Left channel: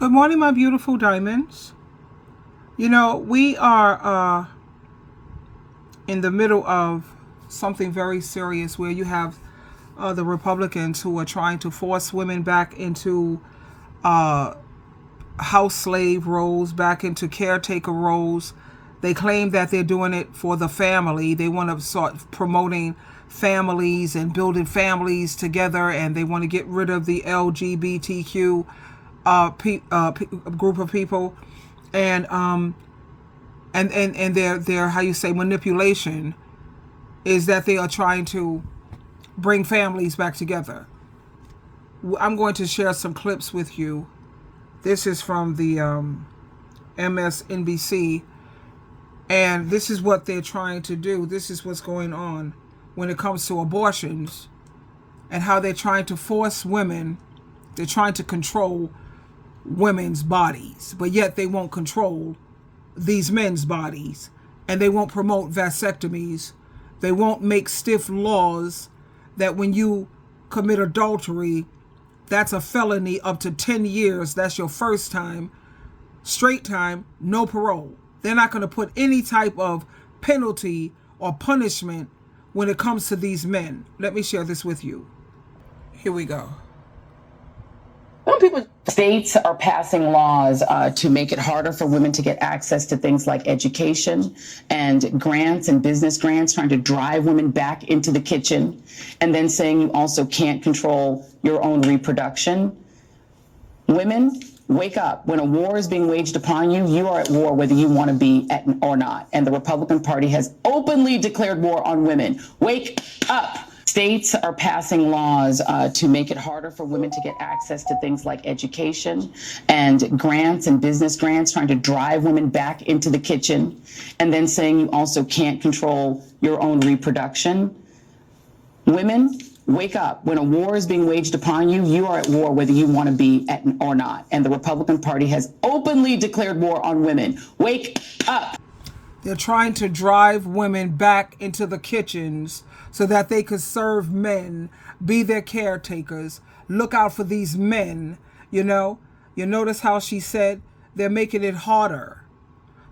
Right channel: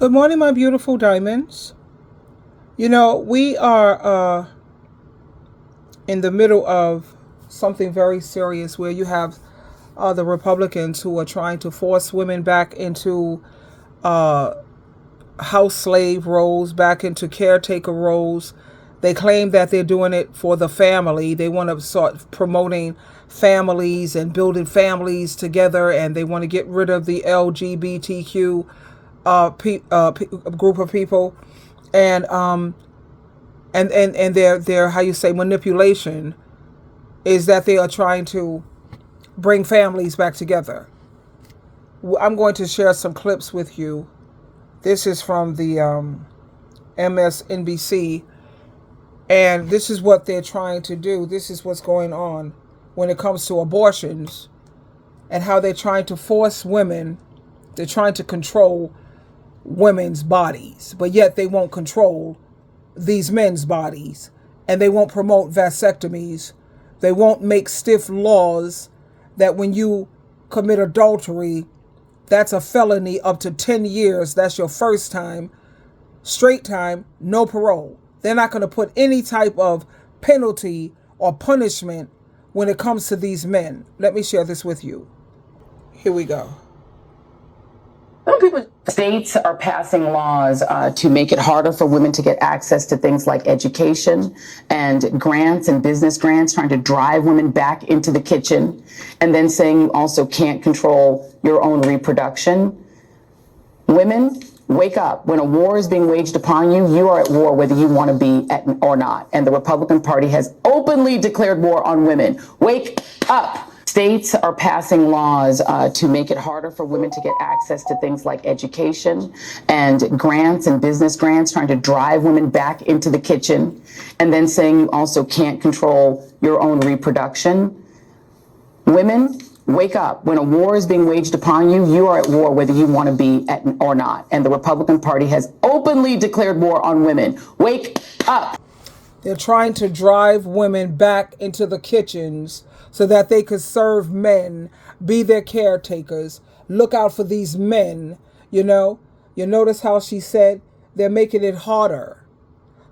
Good morning, my beautiful diamonds. We are in the middle of something very serious where you have the Republicans who are trying to force women back into uh, house slave roles, back into caretaker roles. They claim that they're doing it for the family. They want to start promoting families and building families together, and they want to get rid of the LGBTQ group of people, and their how you say manipulation is that they are trying to bring families back together. I'm going to share some clips with you. This is from the MSNBC, and this is what they're trying to do. This is what's going on when it comes to abortions and how they're trying to force women. They're trying to control women's bodies, but yet they won't control these men's bodies, and they won't promote vasectomies. They won't make stiff laws that when you commit adultery, that's a felony up to 10 years. That's your first time, straight time, no parole. They're not going to put any type of penalty or punishment when it comes to these men. Let me share this with you. Here we go. States are passing laws to make it harder for women to get access to things like education and grants and business grants, trying to drive women back into the kitchen, and then saying you also can't control your own reproduction. Women, wake up. When a war is being waged upon you, you are at war whether you want to be or not. And the Republican Party has openly declared war on women. Wake up. States are passing laws to make it harder for women to get access to things like education and grants and business grants, trying to drive women back into the kitchen, and then saying you also can't control your own reproduction. Women, wake up. When a war is being waged upon you, you are at war whether you want to be or not. And the Republican Party has openly declared war on women. Wake up. They're trying to drive women back into the kitchens so that they could serve men, be their caretakers, look out for these men. You notice how she said they're making it harder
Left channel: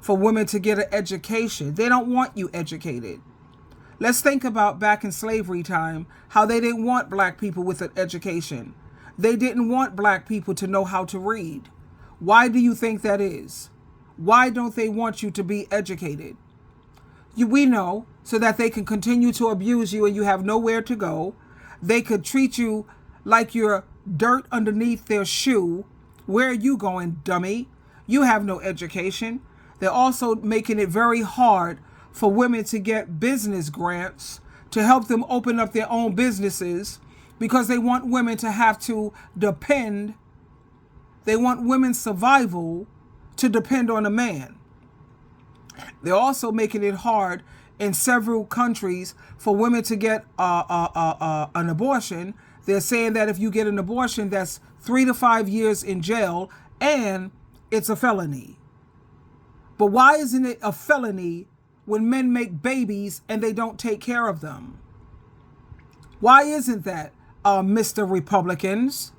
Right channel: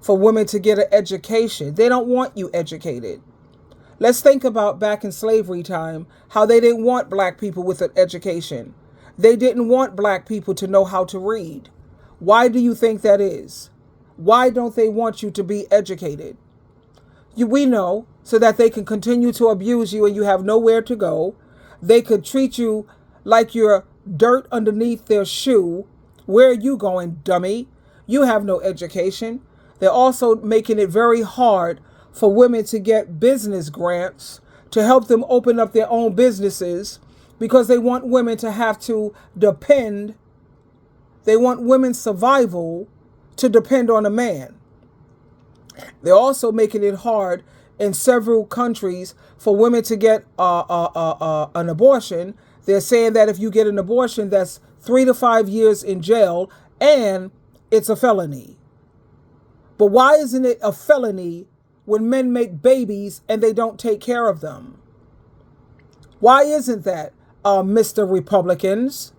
for women to get an education. They don't want you educated. Let's think about back in slavery time, how they didn't want black people with an education. They didn't want black people to know how to read. Why do you think that is? Why don't they want you to be educated? We know, so that they can continue to abuse you and you have nowhere to go. They could treat you like you're dirt underneath their shoe. Where are you going, dummy? You have no education. They're also making it very hard for women to get business grants to help them open up their own businesses, because they want women to have to depend. They want women's survival to depend on a man. They're also making it hard in several countries for women to get an abortion. They're saying that if you get an abortion, that's 3 to 5 years in jail, and it's a felony. But why isn't it a felony when men make babies and they don't take care of them? Why isn't that, Mr. Republicans?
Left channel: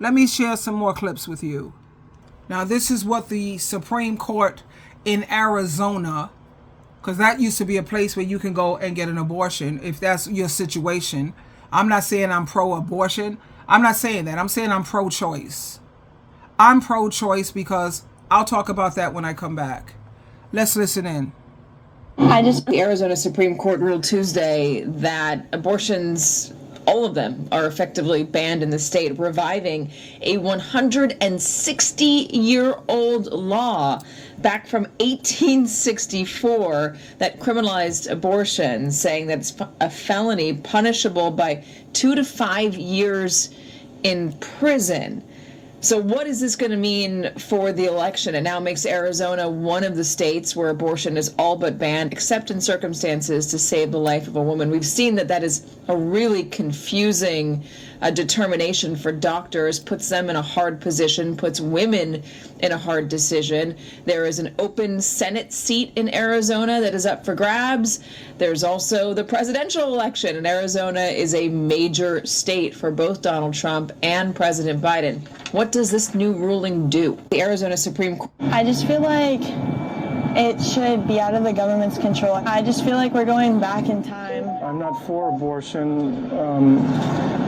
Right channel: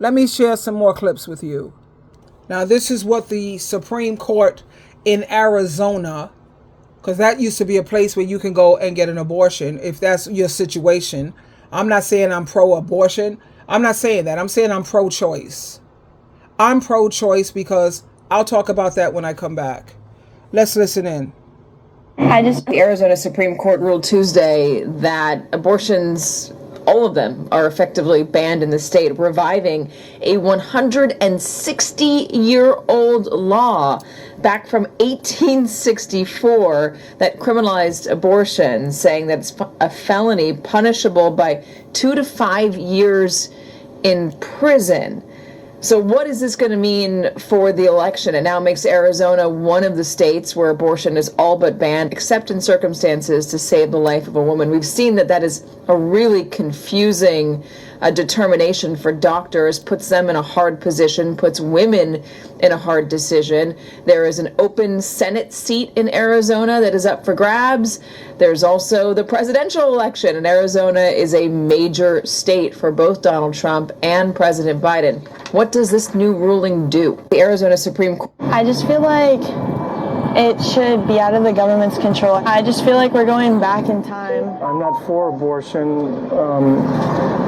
Let me share some more clips with you. Now, this is what the Supreme Court in Arizona, because that used to be a place where you can go and get an abortion if that's your situation. I'm not saying I'm pro-abortion. I'm not saying that. I'm saying I'm pro-choice. I'm pro-choice because I'll talk about that when I come back. Let's listen in. The Arizona Supreme Court ruled Tuesday that abortions, all of them, are effectively banned in the state, reviving a 160-year-old law back from 1864 that criminalized abortion, saying that it's a felony punishable by 2 to 5 years in prison. So what is this going to mean for the election? It now makes Arizona one of the states where abortion is all but banned, except in circumstances to save the life of a woman. We've seen that is a really confusing determination for doctors, puts them in a hard position, puts women in a hard decision. There is an open Senate seat in Arizona that is up for grabs. There's also the presidential election, and Arizona is a major state for both Donald Trump and President Biden. What does this new ruling do? The Arizona Supreme Court. I just feel like it should be out of the government's control. I just feel like we're going back in time. I'm not for abortion,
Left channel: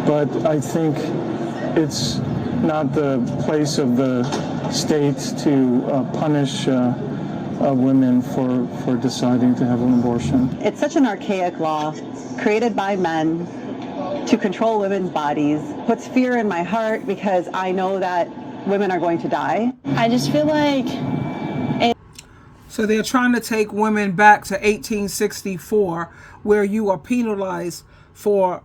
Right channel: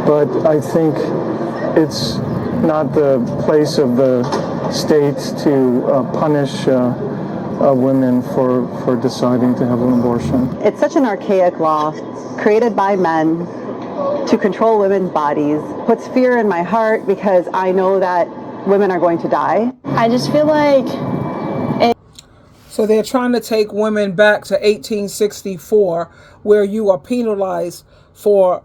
but I think it's not the place of the state to punish women for deciding to have an abortion. It's such an archaic law created by men to control women's bodies. Puts fear in my heart because I know that women are going to die. I just feel like So they're trying to take women back to 1864, where you are penalized for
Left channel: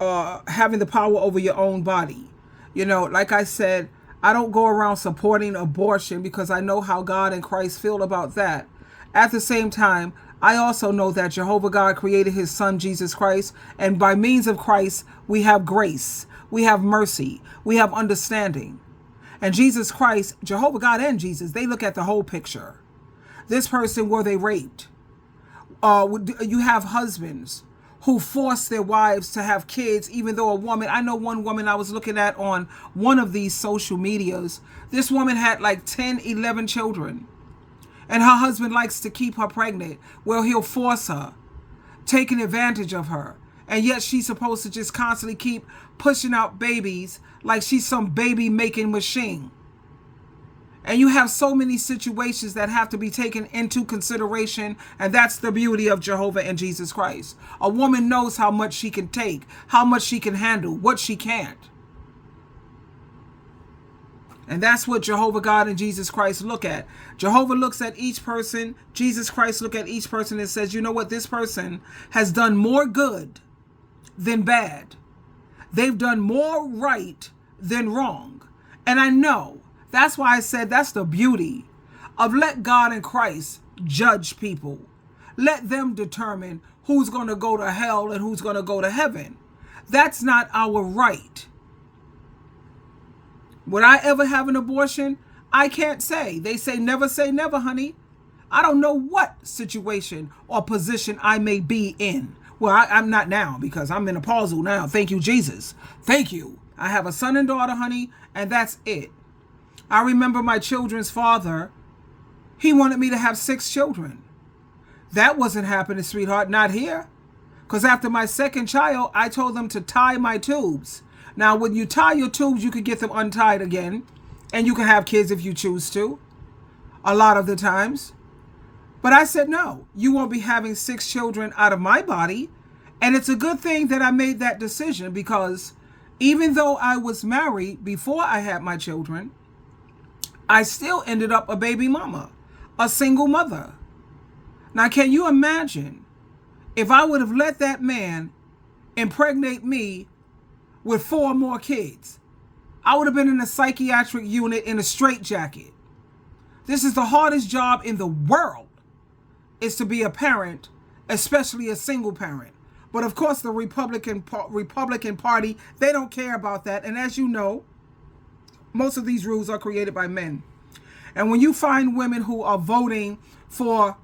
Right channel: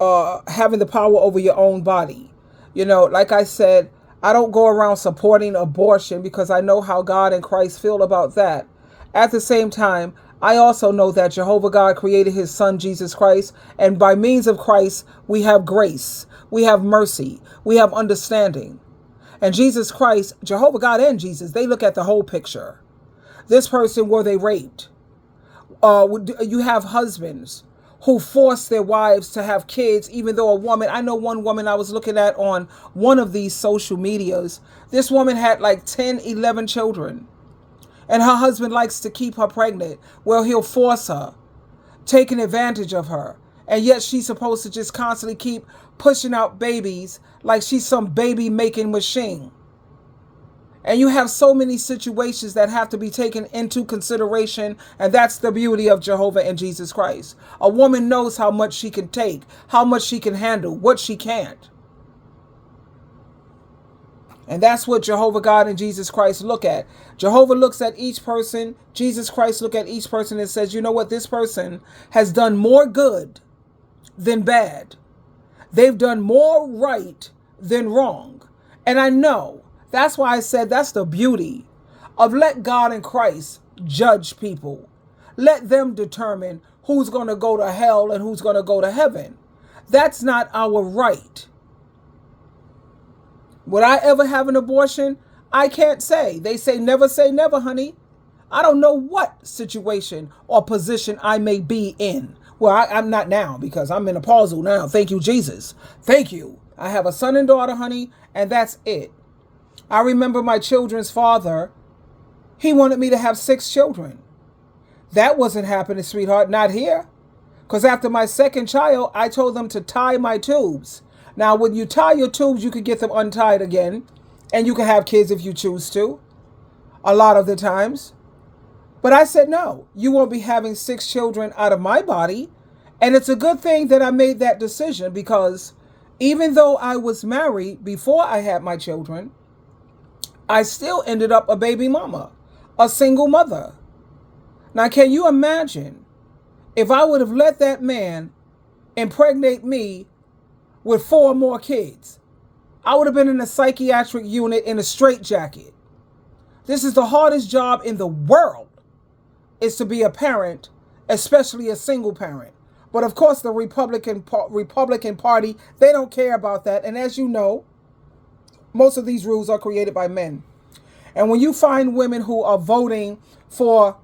having the power over your own body. You know, like I said, I don't go around supporting abortion because I know how God and Christ feel about that. At the same time, I also know that Jehovah God created his son, Jesus Christ, and by means of Christ, we have grace, we have mercy, we have understanding. And Jesus Christ, Jehovah God and Jesus, they look at the whole picture. This person, were they raped? You have husbands who force their wives to have kids, even though a woman, I know one woman I was looking at on one of these social medias, this woman had like 10, 11 children. And her husband likes to keep her pregnant. Well, he'll force her, taking advantage of her. And yet she's supposed to just constantly keep pushing out babies like she's some baby making machine. And you have so many situations that have to be taken into consideration. And that's the beauty of Jehovah and Jesus Christ. A woman knows how much she can take, how much she can handle, what she can't. And that's what Jehovah God and Jesus Christ look at. Jehovah looks at each person. Jesus Christ look at each person and says, you know what? This person has done more good than bad. They've done more right than wrong. And I know. That's why I said that's the beauty of let God and Christ judge people. Let them determine who's going to go to hell and who's going to go to heaven. That's not our right. Would I ever have an abortion? I can't say. They say never, honey. I don't know what situation or position I may be in. Well, I'm not now because I'm menopausal now. Thank you, Jesus. Thank you. I have a son and daughter, honey, and that's it. I remember my children's father, he wanted me to have 6 children. That wasn't happening, sweetheart, not here. Because after my second child, I told them to tie my tubes. Now, when you tie your tubes, you can get them untied again. And you can have kids if you choose to. A lot of the times. But I said, no, you won't be having 6 children out of my body. And it's a good thing that I made that decision because even though I was married before I had my children, I still ended up a baby mama, a single mother. Now, can you imagine if I would have let that man impregnate me with 4 more kids? I would have been in a psychiatric unit in a straitjacket. This is the hardest job in the world, is to be a parent, especially a single parent. But of course, the Republican Party, they don't care about that. And as you know, most of these rules are created by men. And when you find women who are voting for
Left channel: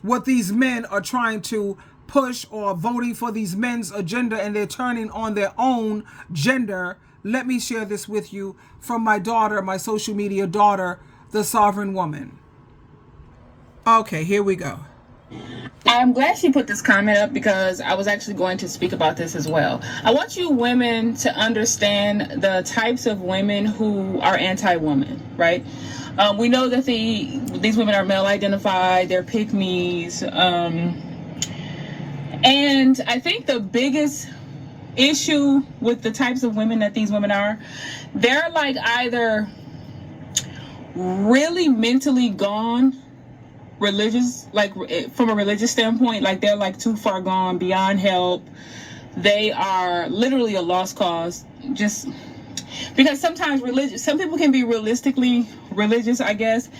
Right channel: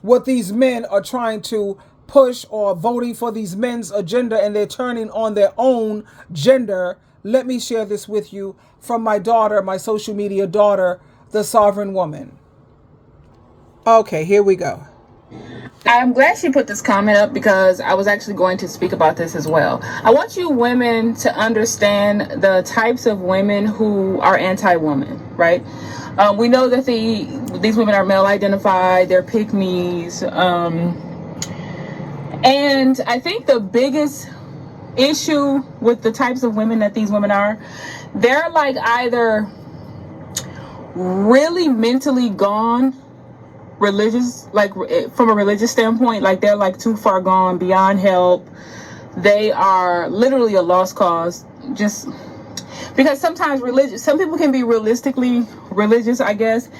what these men are trying to push or voting for these men's agenda and they're turning on their own gender, let me share this with you from my daughter, my social media daughter, the Sovereign Woman. Okay, here we go. I'm glad she put this comment up because I was actually going to speak about this as well. I want you women to understand the types of women who are anti-woman, right? We know that these women are male identified, they're pick-me's. And I think the biggest issue with the types of women that these women are, they're like either really mentally gone, religious, like from a religious standpoint, like they're like too far gone, beyond help. They are literally a lost cause, just because sometimes some people can be realistically religious, I guess.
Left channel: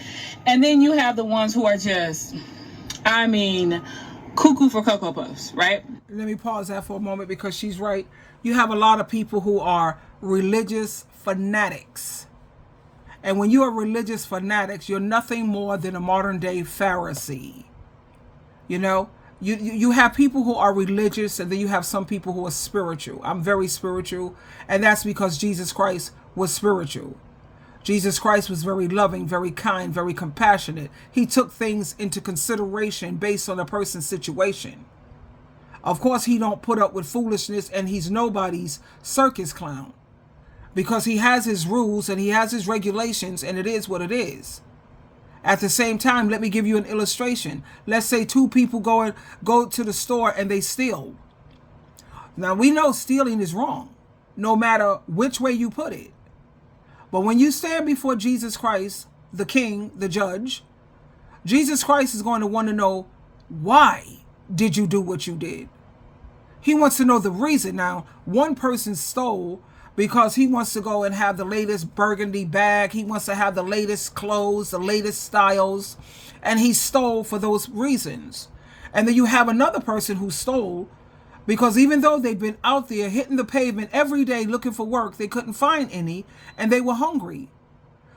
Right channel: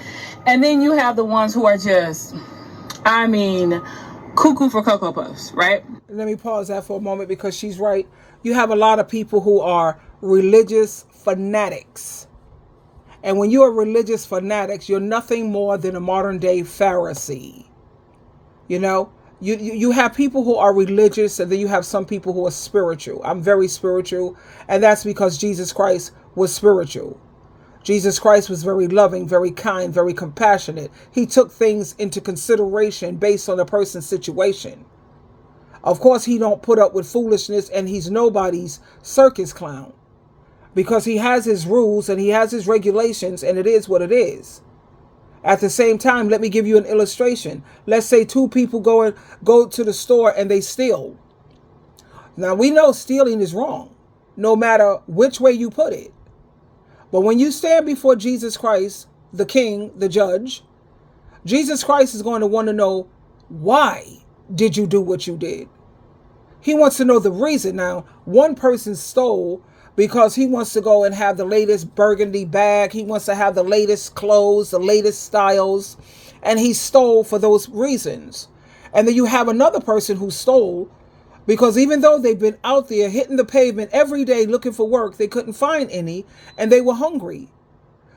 And then you have the ones who are just, I mean, cuckoo for Cocoa Puffs, right? Let me pause that for a moment because she's right. You have a lot of people who are religious fanatics. And when you are religious fanatics, you're nothing more than a modern day Pharisee. You know, you have people who are religious, and then you have some people who are spiritual. I'm very spiritual, and that's because Jesus Christ was spiritual. Jesus Christ was very loving, very kind, very compassionate. He took things into consideration based on a person's situation. Of course, he don't put up with foolishness, and he's nobody's circus clown, because he has his rules and he has his regulations, and it is what it is. At the same time, let me give you an illustration. Let's say two people go to the store and they steal. Now, we know stealing is wrong, no matter which way you put it. But when you stand before Jesus Christ, the King, the judge, Jesus Christ is going to want to know, why did you do what you did? He wants to know the reason. Now, one person stole because he wants to go and have the latest burgundy bag. He wants to have the latest clothes, the latest styles, and he stole for those reasons. And then you have another person who stole because even though they've been out there hitting the pavement every day looking for work, they couldn't find any, and they were hungry.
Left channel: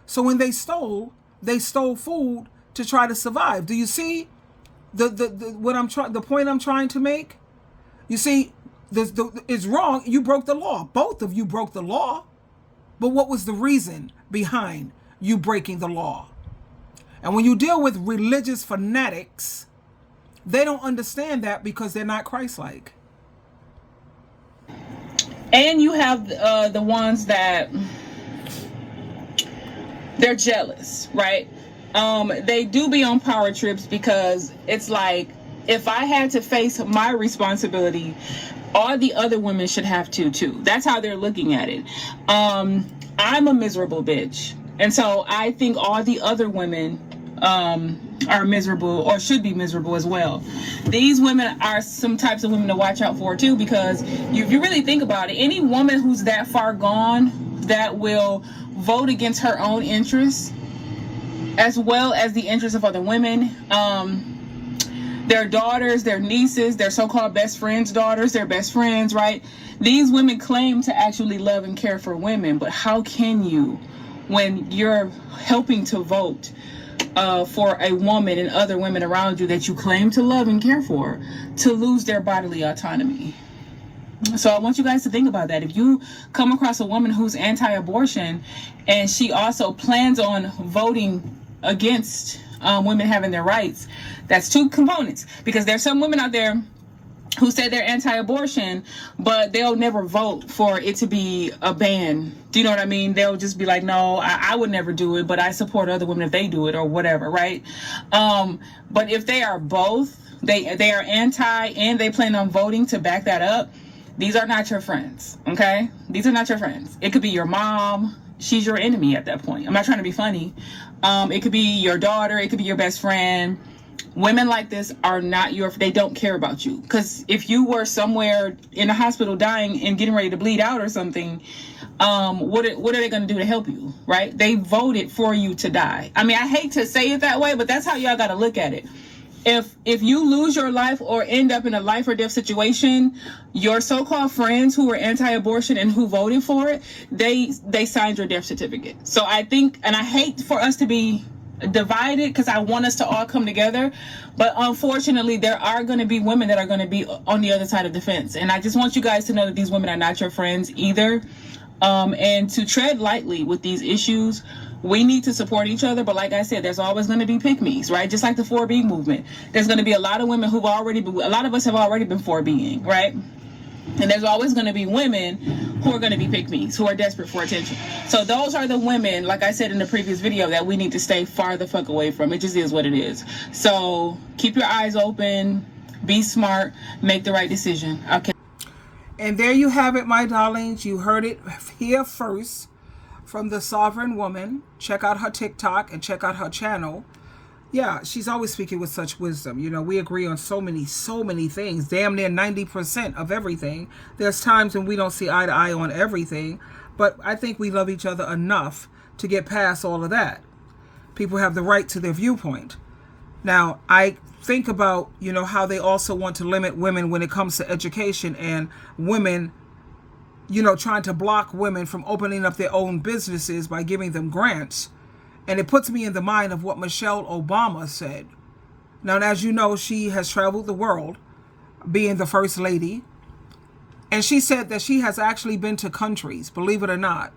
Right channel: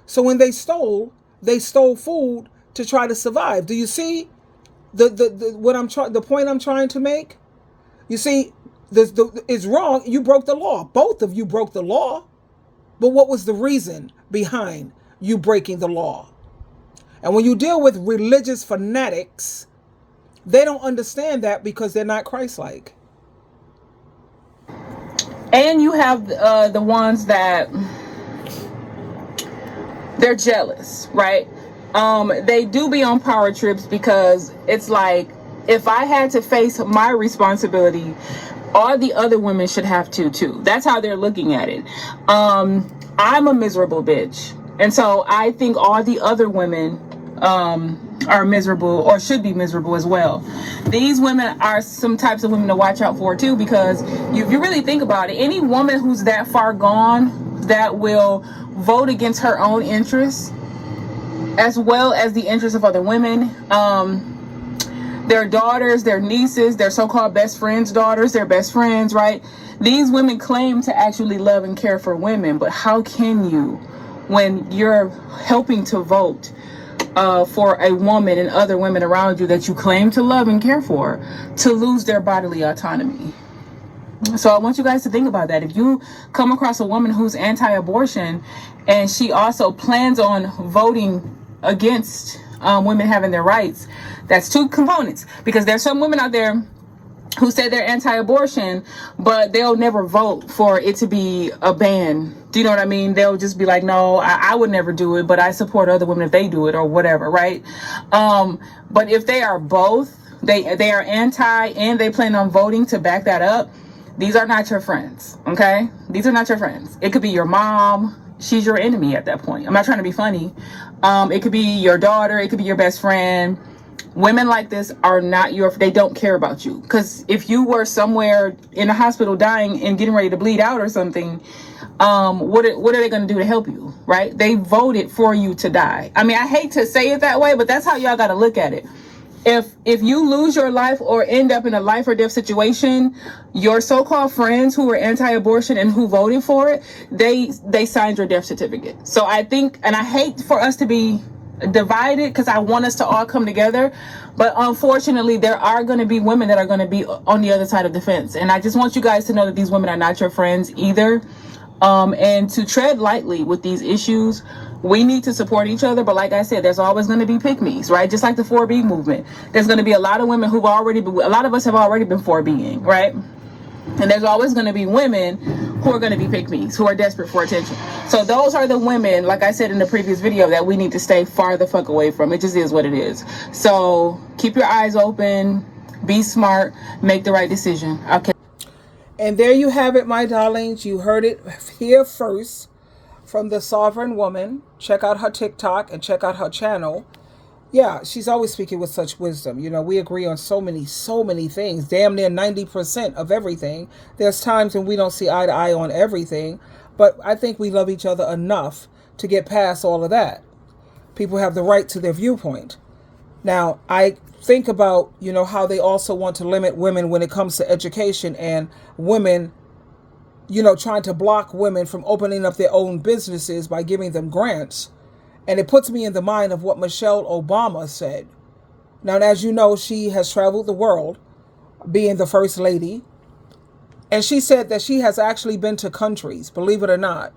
So when they stole food to try to survive. Do you see the point I'm trying to make? You see, it's wrong. You broke the law. Both of you broke the law. But what was the reason behind you breaking the law? And when you deal with religious fanatics, they don't understand that because they're not Christ-like. And you have the ones that they're jealous, right? They do be on power trips because it's like, if I had to face my responsibility, all the other women should have to too. That's how they're looking at it. I'm a miserable bitch. And so I think all the other women are miserable or should be miserable as well. These women are some types of women to watch out for too, because if you really think about it, any woman who's that far gone that will vote against her own interests as well as the interests of other women, their daughters, their nieces, their so-called best friends' daughters, their best friends, right? These women claim to actually love and care for women, but how can you, when you're helping to vote for a woman and other women around you that you claim to love and care for, to lose their bodily autonomy? So I want you guys to think about that. If you come across a woman who's anti-abortion and she also plans on voting against women having their rights, that's two components, because there's some women out there who say they're anti-abortion, but they'll never vote for it to be a ban. Do you know what I mean? They'll just be like, no, I would never do it, but I support other women if they do it or whatever, right? But if they are both, they are anti and they plan on voting to back that up, these are not your friends, okay? These are not your friends. It could be your mom. She's your enemy at that point. I'm not trying to be funny. It could be your daughter. It could be your best friend. Women like this are not they don't care about you. Because if you were somewhere in a hospital dying and getting ready to bleed out or something, what are they going to do to help you, right? They voted for you to die. I mean, I hate to say it that way, but that's how y'all got to look at it. If you lose your life or end up in a life or death situation, your so-called friends who were anti-abortion and who voted for it, they signed your death certificate. So I think, and I hate for us to be divided because I want us to all come together, but unfortunately there are going to be women that are going to be on the other side of the fence, and I just want you guys to know that these women are not your friends either, and to tread lightly with these issues. We need to support each other, but like I said, there's always going to be pick-me's, right? Just like the 4B movement, there's going to be a lot of women a lot of us have already been 4Bing, right? And there's always going to be women who are going to be pick-me's, who are desperate for attention. So those are the women, like I said in the previous video, that we need to stay far the fuck away from. It just is what it is. So keep your eyes open, be smart, make the right decision. Okay. And there you have it, my darlings. You heard it here first from the Sovereign Woman. Check out her TikTok and check out her channel. Yeah, she's always speaking with such wisdom. You know, we agree on so many things, damn near 90% of everything. There's times when we don't see eye to eye on everything, but I think we love each other enough to get past all of that. People have the right to their viewpoint. Now, I think about, how they also want to limit women when it comes to education, and women, trying to block women from opening up their own businesses by giving them grants. And it puts me in the mind of what Michelle Obama said. Now, as you know, she has traveled the world being the first lady. And she said that she has actually been to countries, believe it or not,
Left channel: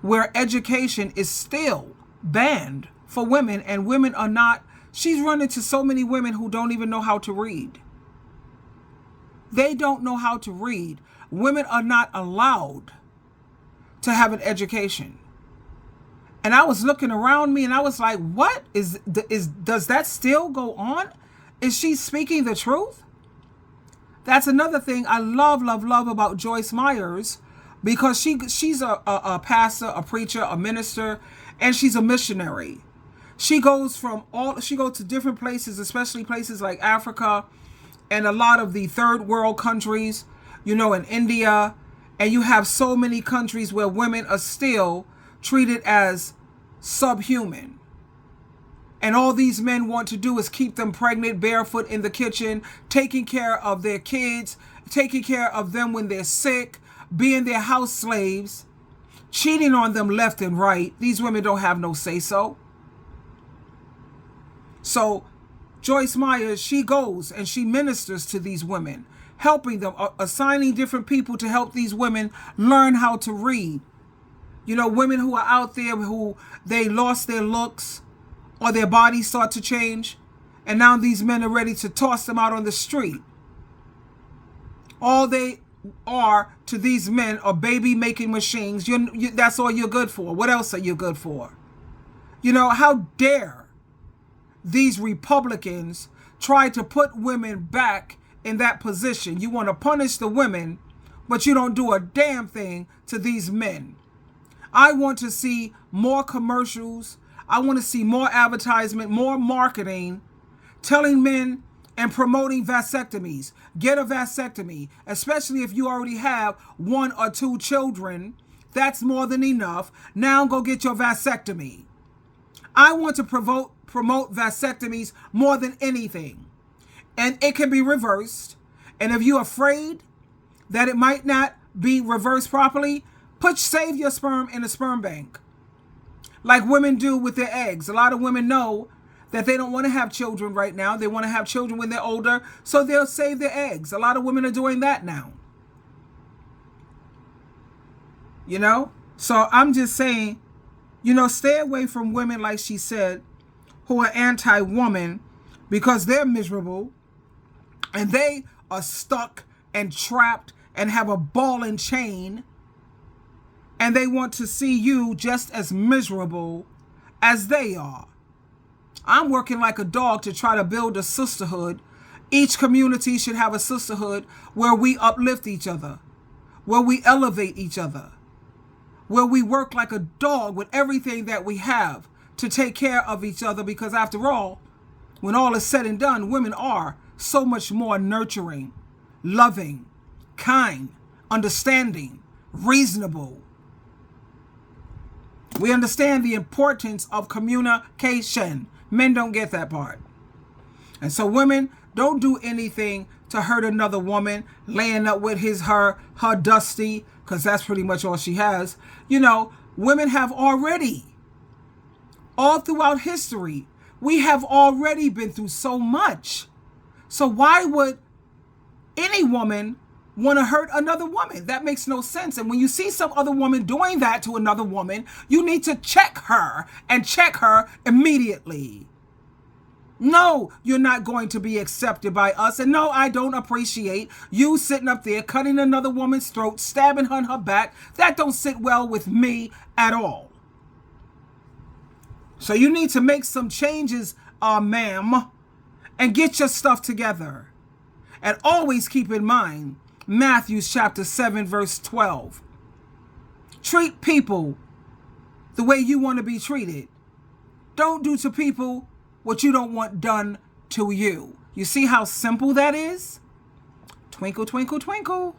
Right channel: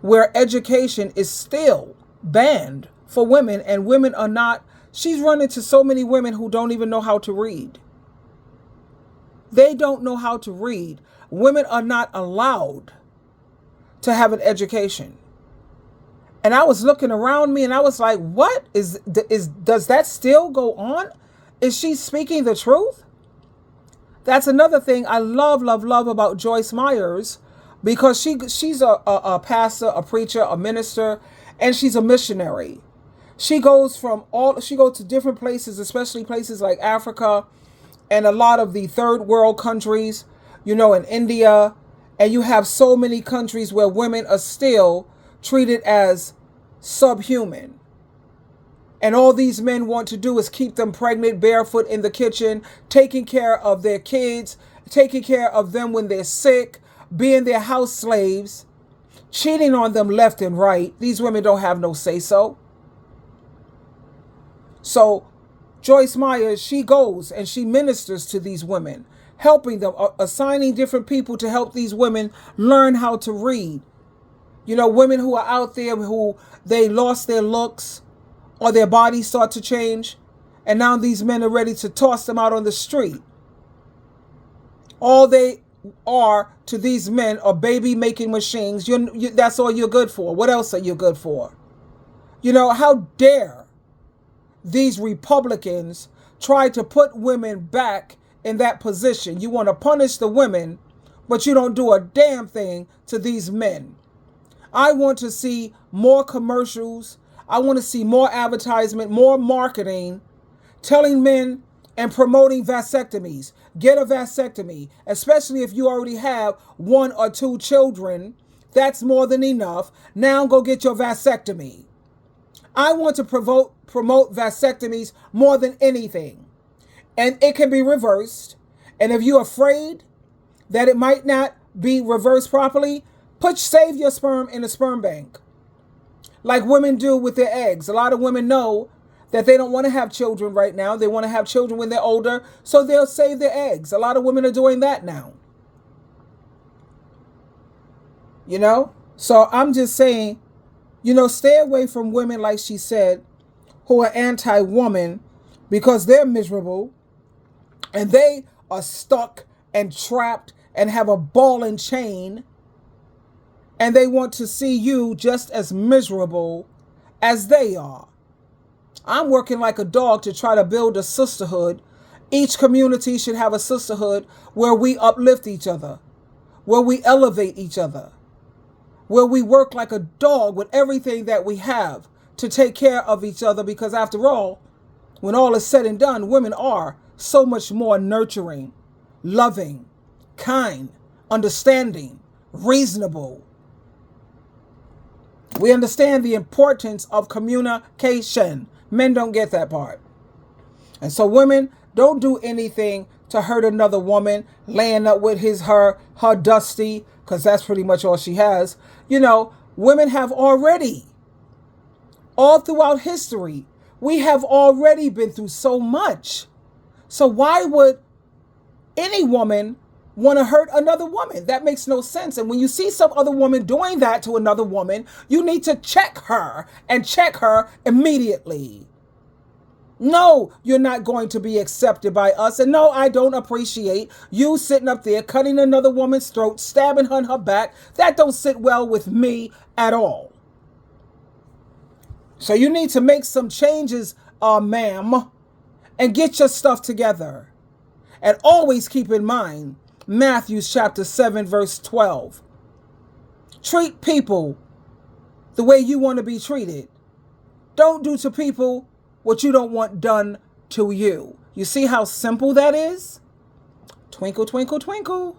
where education is still banned for women, and women are not. She's run into so many women who don't even know how to read. They don't know how to read. Women are not allowed to have an education. And I was looking around me and I was like, what does that still go on? Is she speaking the truth? That's another thing I love about Joyce Myers, because she's a pastor, a preacher, a minister, and she's a missionary. She goes to different places, especially places like Africa and a lot of the third world countries, in India. And you have so many countries where women are still treated as subhuman. And all these men want to do is keep them pregnant, barefoot in the kitchen, taking care of their kids, taking care of them when they're sick, being their house slaves, cheating on them left and right. These women don't have no say-so. So Joyce Myers, she goes and she ministers to these women, helping them, assigning different people to help these women learn how to read. Women who are out there who they lost their looks or their bodies start to change, and now these men are ready to toss them out on the street. All they are to these men are baby-making machines. That's all you're good for. What else are you good for? How dare these Republicans try to put women back in that position? You want to punish the women, but you don't do a damn thing to these men. I want to see more commercials. I want to see more advertisement, more marketing, telling men and promoting vasectomies. Get a vasectomy, especially if you already have 1 or 2 children. That's more than enough. Now go get your vasectomy. I want to promote vasectomies more than anything. And it can be reversed. And if you're afraid that it might not be reversed properly, save your sperm in a sperm bank, like women do with their eggs. A lot of women know that they don't want to have children right now. They want to have children when they're older, so they'll save their eggs. A lot of women are doing that now. So I'm just saying, stay away from women, like she said, who are anti-woman, because they're miserable and they are stuck and trapped and have a ball and chain. And they want to see you just as miserable as they are. I'm working like a dog to try to build a sisterhood. Each community should have a sisterhood where we uplift each other, where we elevate each other, where we work like a dog with everything that we have to take care of each other. Because after all, when all is said and done, women are so much more nurturing, loving, kind, understanding, reasonable. We understand the importance of communication. Men don't get that part. And so women, don't do anything to hurt another woman, laying up with her dusty, because that's pretty much all she has. Women have already, all throughout history, we have already been through so much. So why would any woman want to hurt another woman? That makes no sense. And when you see some other woman doing that to another woman, you need to check her, and check her immediately. No, you're not going to be accepted by us. And no, I don't appreciate you sitting up there cutting another woman's throat, stabbing her in her back. That don't sit well with me at all. So you need to make some changes, ma'am, and get your stuff together. And always keep in mind Matthew chapter 7, verse 12. Treat people the way you want to be treated. Don't do to people what you don't want done to you. You see how simple that is? Twinkle, twinkle, twinkle.